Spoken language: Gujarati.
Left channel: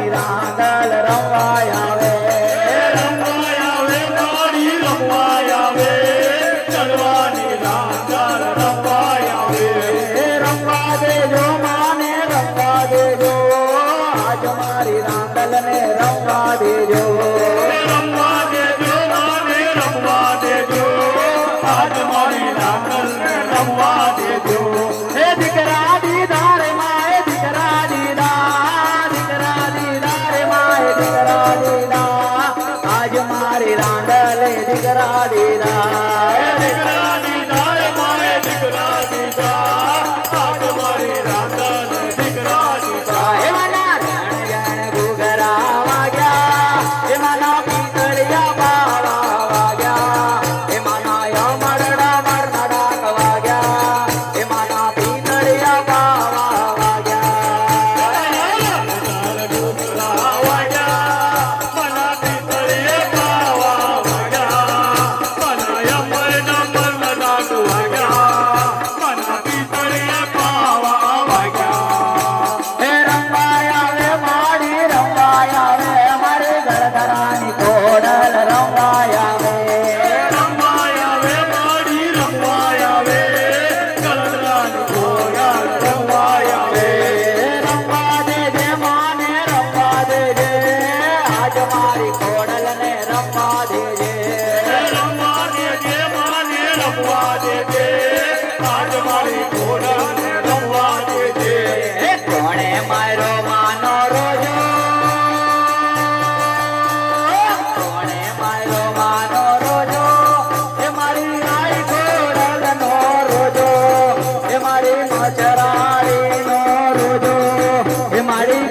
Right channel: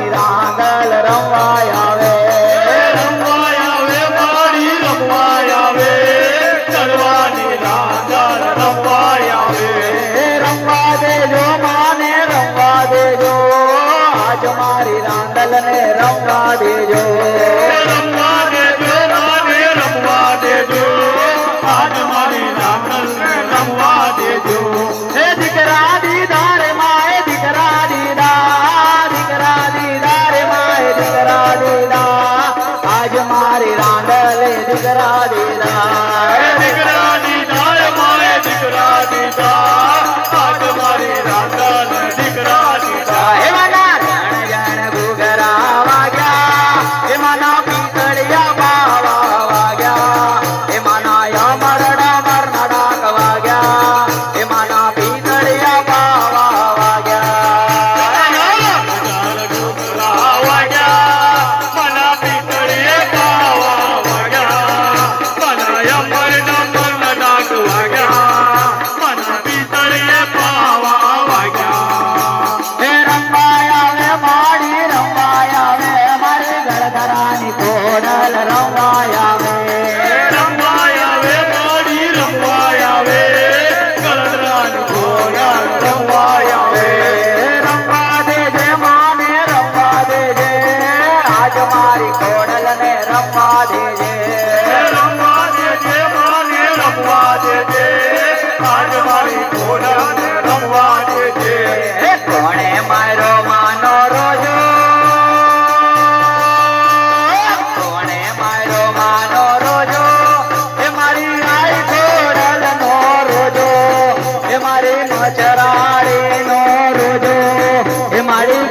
ચડવાની રાંદલ રમવાય આવે મારી રમવાય આવે ચડવાની રાંદલ રમવાય આવે રમવા દેજો માને રમવા દેજો આજ મારી રાંદલ ને રમવા દેજો રમવા દેજો માને રમવા દેજો આજ મારી રાંદલ ને રમવા દેજો હે દીકરા દીદા રે માએ દીકરા દીદા દીકરા દીદા રે માએ દીકરા દીદા આજ મારી રાંદલ દીકરા દીદા દીકરા દીધા મારે દીકરા દીધા આજ મારી રાંદલ દીકરા દીધા એવાના જણ જણ ઘૂઘરા વાગ્યા એમાંના પિંગળિયા બાવા વાગ્યા એમાંના યમરડા મરનડાક વાગ્યા એમાંના પિંગળિયા બાવા વાગ્યા મના પીતળીએ પાવા વાગ્યા મના યમર નંબર નડાક વાગ્યા મના પીતળીએ પાવા વાગ્યા હે રંગાયા વે માડી રંગાયા વે મારી ગળગરાની કોડલ રંગાયા વે રમવાય આવે મારી રમવાય આવે ગળદરાન ઘોડા રમવાય આવે રંગા દેજે માને રંગા દેજે આજ મારી કોડલ ને રંગા દેજે રમવા દેજે માને રમવા દેજે આજ મારી ઘોડાને રમવા દેજે હે કોણે મારો માનો રોજો કોણે મારો માનો રોજો હે મારી આઈ કોડલ નો રોજો હે મારી મચરાડી નો રોજો હે મારી